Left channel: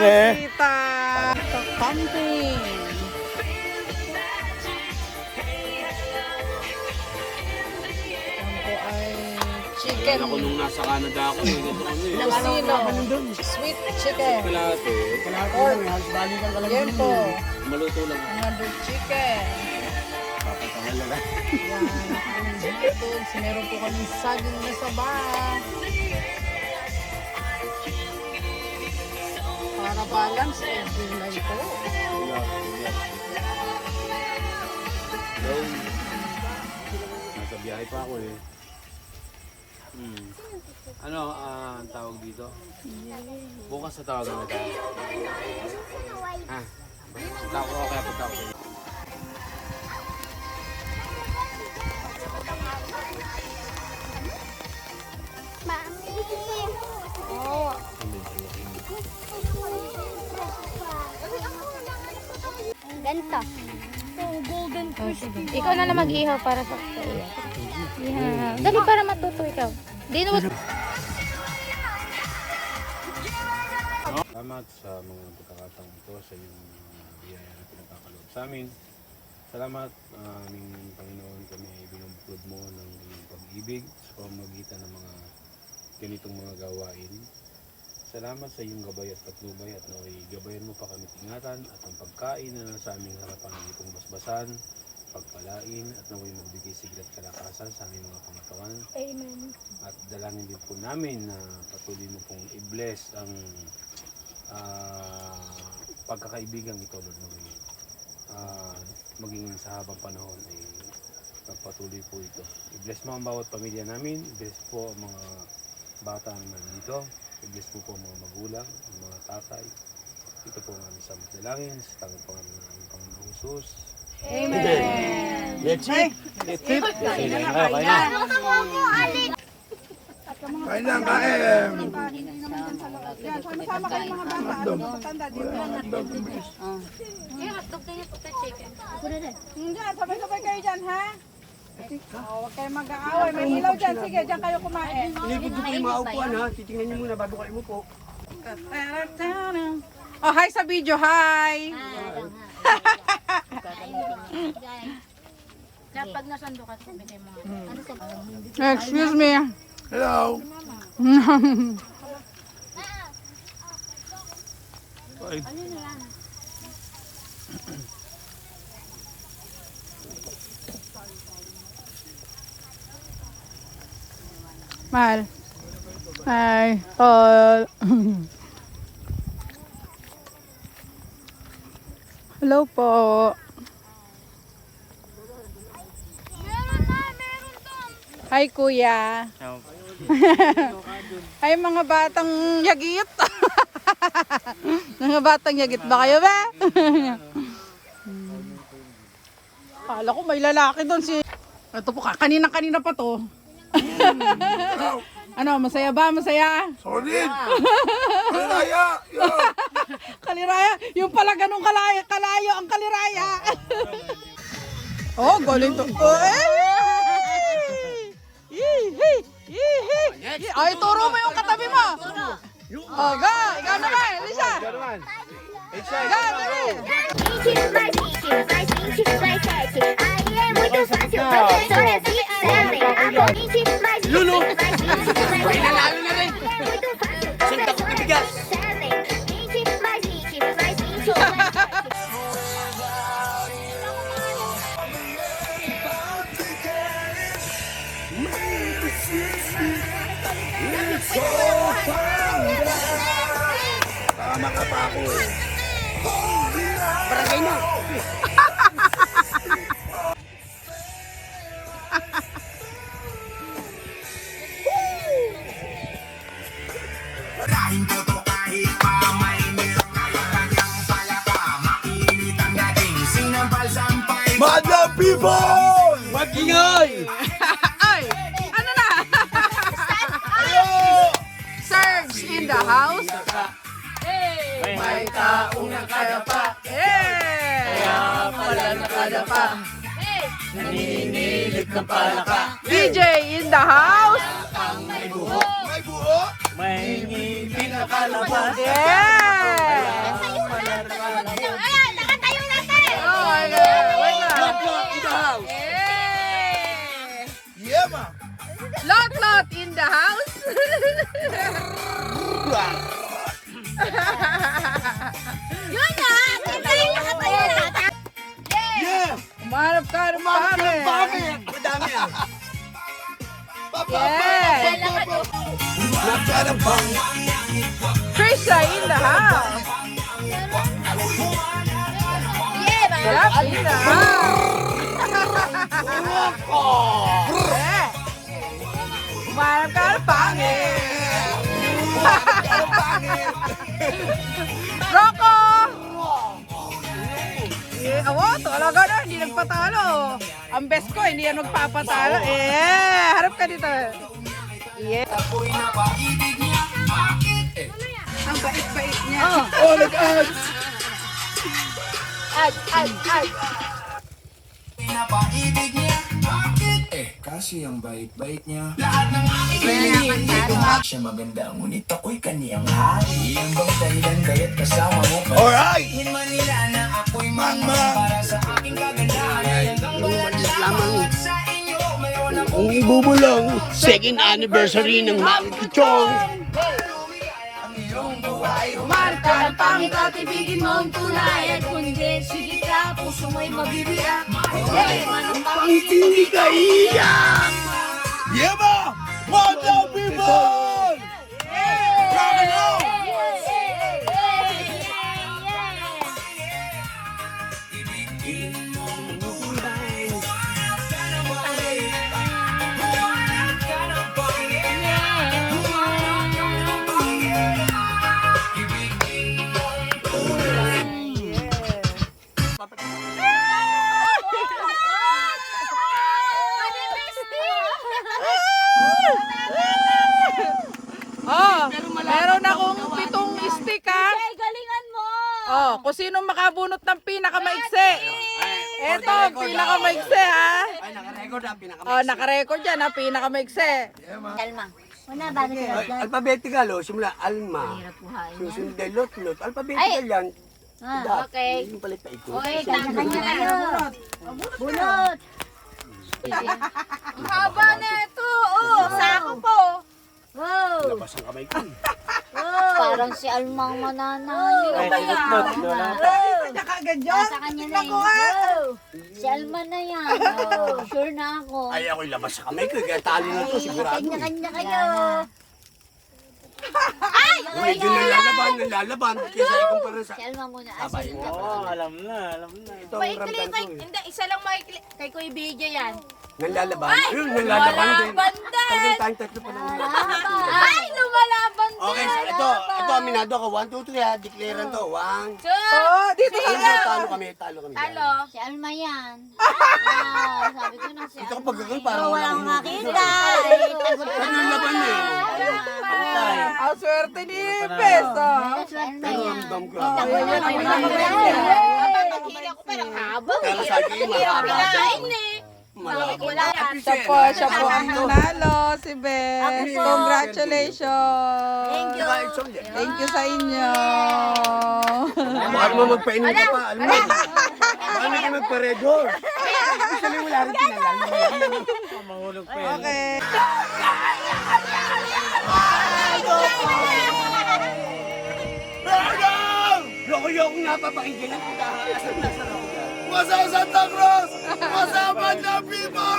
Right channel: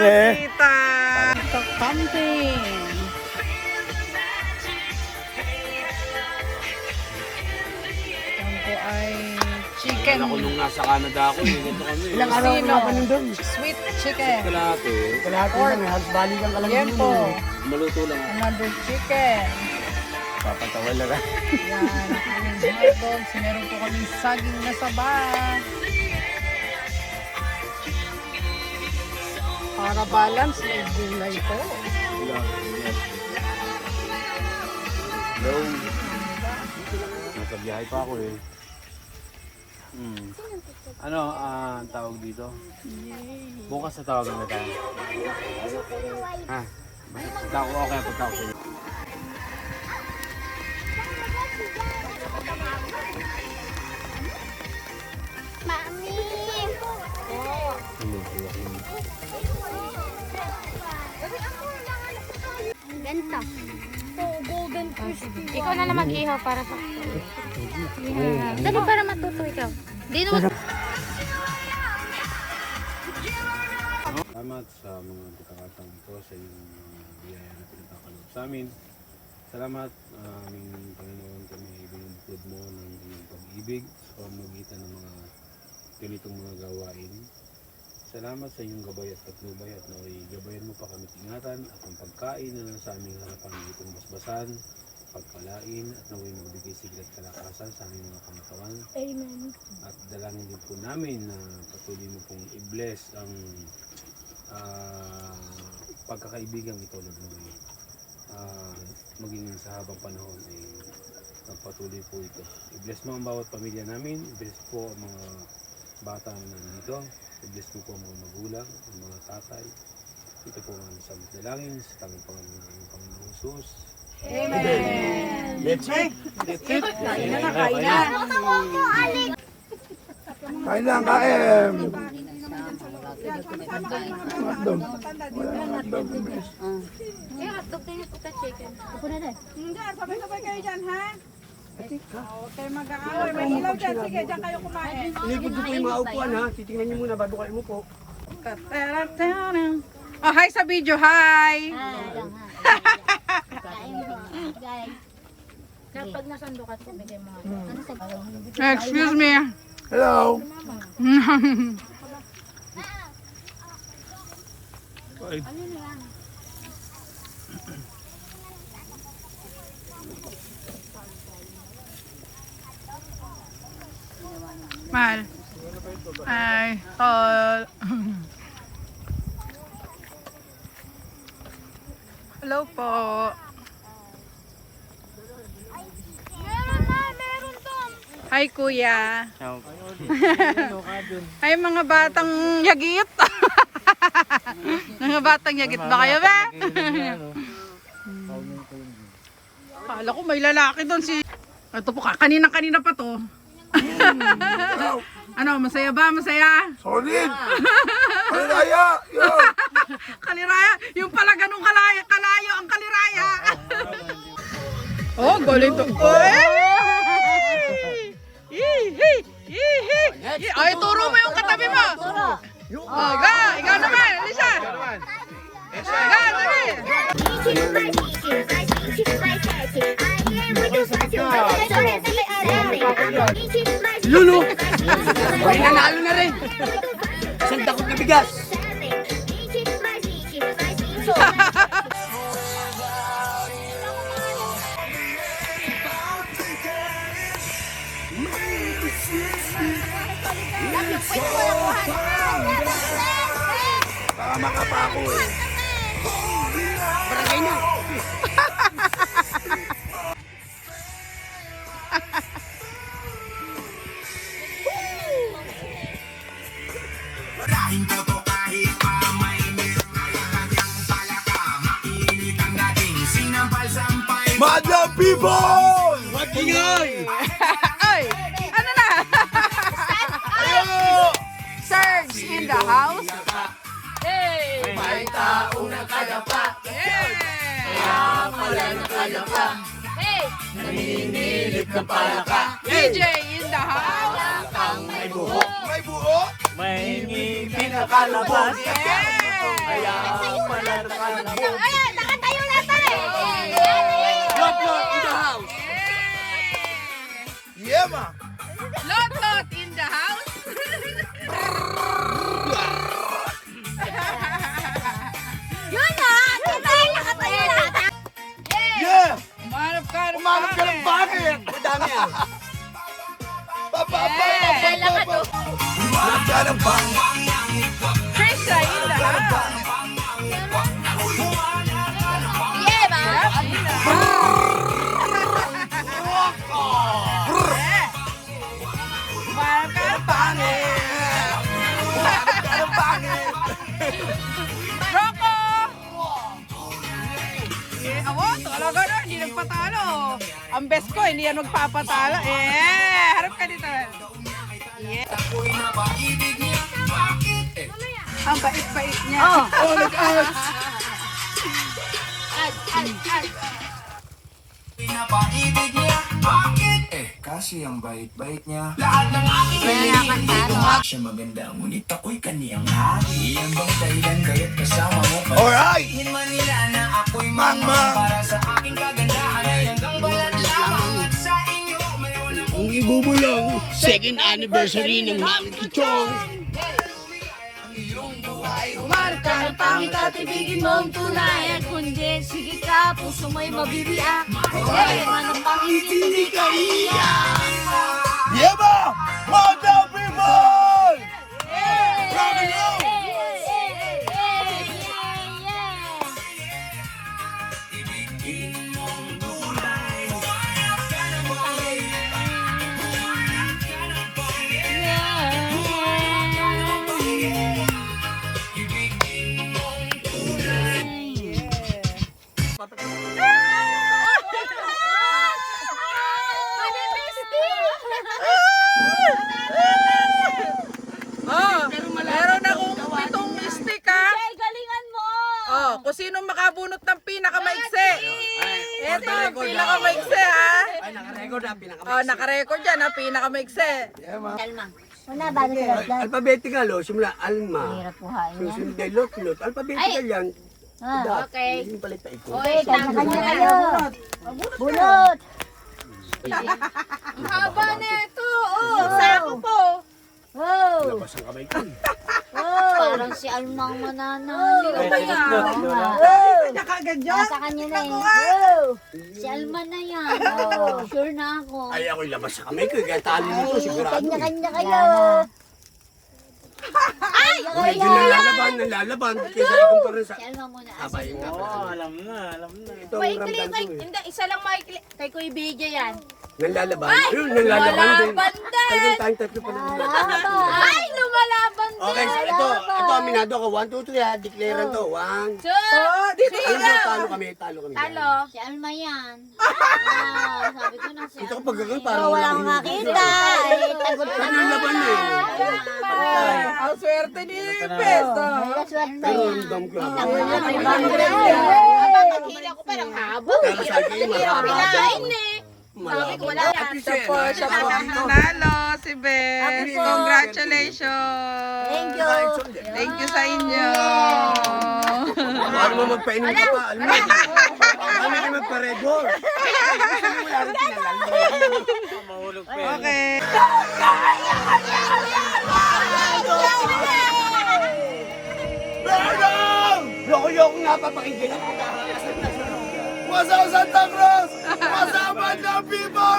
Tita! Kakamping! Yan po ay chicken. Ako nung nasa Canada ako eh. Ganito kami eh. Lucino. Sweet chicken. Kalahati. Pork. Yan po. Maluto lang. Another chicken. Papatawal na lang. Yan, ang aming hotdogs. Meron po kaming saging na saba. Para balance, may gulay po. Hello. Nasa biyahe pa ako eh. Ano ang tawag dito? Bukas sa tawagan na tayo. Ha? Dako ako yung pagkakasya. Ganta. Golden crispy. Ikaw na naman ihaw para sa... Dali para matuto ikaw. Di naman... Salamat sa mga pagkakataon ito sa iyong biyaya na pinagkakaloob sa amin. Salamat aming Panginoon, kami binubuklod mo ng iyong pag-ibig sa pamamagitan ng mga ganitong mga gawain. Salamat sa iyong gabay at patnubay at naway gabayan mo pa kami ingatan at ang pagkain na nasa aming harapan itong basbasan, pagkalain at naway magbigay sigla at kalakasan sa aming mga pangatawan. Amen. At dalangin din po namin na patuloy mo pong i-bless ang pagkakaibigan ito, Lord, naway maging sa habang panahon ay magpatuloy po ito. I-bless mo ang bawat pamilya namin, i-bless po ang mga bata na nandito, i-bless po ang mga magulang, ang mga tatay. Ito po ang aming samot dalangin sa tangang Panginoon ng Panginoon Jesus. Amen! Let's eat! Kain na, kain na! Kain lang, kain! Hotdog. Wala nang hotdog. Eh, hotdog tayo sa chicken. Ako na din. Hindi, sabay-sabay kayo dyan, ha? Huwag kayo mag-aaway. May ilaw dyan. Sige, dyan kayo kumain. Inipod ko po yung mga upuan ha. Titingnan niyo muna bago kayo umupo. Oh, hi sa video, hi! Kapag nasando ka, bigay mo. Ano sa... Excuse me. Hello! Mahal. Hi. Paul. Hello po. Hi kuya. Hi mga batang yagit. Mga batang yagit ba kayo ba? Kala ko may lalaki doon si... Ito po kanina pa to. Ano, masaya ba? Masaya? Solid! Kaliraya! Yo! Kaliraya? Yung pala ganun kalayo ang kaliraya. Oh, galing to. Ay, turo mo yung katabi mo. Oh, ikaw naman, Lisa. Ikaw, dali. Lulo! May nanalo na rin! Sinta ko kabigas! Tama ka pa ako eh. Barangay na! Maraming boto kahit pa may merong kaya-kanyang palaka. Mainit ang dating sinampal-sampay. Madam people! Magingay! Ay, ano na? Surge in the house. Hey! May taong nakadapa. Yeah! Kaya pala nakadapa. Nangingilit ng palaka. DJ in the house. May buho. May buho. May ngipin na kalabas. Kaya pala nakalabas. Ayan, nakatayo na tayo. Lot in the house. Yeah, ma. Lot in the house. Yun na, nakatayo na. Yeah. Umanap ka ng Umanap ka ng pare. bagay. Madami ah. Yeah. Umanap ka ng bagay. Trisha in the house. Love in the house. Yeah. Umanap ka ng pangit. Rocco! Eh, ako, talaga na, hindi nagpatalo. Ang best ko, hindi yan magpapatalo. Harap ka dito. Yeah. Ang bait-bait niya. Oh, nag-out. Pinapaibig niya, bakit? Kasi ang bait-bait niya. Lahat ng aking kaibigan, siya maganda, ngunit ako'y kaniyang hari. Yan bang dahilan kaya't kasama mo pa? Alright. Tingin man nila na ako'y mangmang para sa aking kagandahan ay hanggang balat lamang at sa inyo mayroon akong Kung ibubulong, second anniversary ng Mami Kichong. ang iyong buhay. Mahal ka ng pangit at ibigin mo ang tunay. At kung hindi, sige ka, puso mo'y mabibiyak. Hey, manong pangit, Hindi ka iyak. Yeah, ma. Mga people. Rock and roll. Oh, meron akong pitong stick ha. Galingan mo! Oh, kung sino makabunot ng pinakamaigsi. Ito, pinakamaigsi ha. Oh, nakarecord yan ha, pinakamaigsi. Una, bago sa Alphabetical, oh, simula Alma. Hirap buhayin yan. Susunod ay Lot. Alphabetical yan. Ah, okay. Yung palit pa ito. Okay, kanya kayo. Bunot! Ang haba na ito. Oh, sako po. Wow! Labas ang kamay ko. Wow! Parang si Almang mananalo. Sino ba yan? Kanya kagad dyan. Nasa kanya na eh. Wow! Si Alma na yan. Oh, sure na ako. Ay, ako'y labas sa kamay ko. Kaya tali nito, sigurado. Kanya-kanya kayo. Medyo nalalaban. Kesa ikumpara sa Si Alma muna. sabay yung kapatid. Alam na. Ito ang ramdam ko eh. Hindi, isa lang maikli. Kay Kuya Bigya yan. Nalalaban. Ayun, nalalaban din. Lumalaban din. Talagang tayong tatlo pa lang. Ay, lumalaban din. Okay, so ito aminado ko. 1, 2, 3 ha. Declare to. 1. Oh, dito Alam mo, talo kami. Talo. Si Alma yan. Ah, sabi ko na si Ito kapag gagawin, parang Wala akong makita. Eh, tagot ka Ano yung laban eh? Ang swerte ni Pesto. Pero ramdam ko. Paghila ko parang habang. Pero sa akin, Pilain eh. Sabi ko, Wala. Siya po ang nanalo, si Beth. Congratulations. Thank you. Thank you sa inyo. Alam mo magpainom ka pa. Alam mo. Alam mo magparedor. Okay. Loko-loko nga papakinggan ang pagkakakas. What's up, Santa Cruz? What's up, Banda people?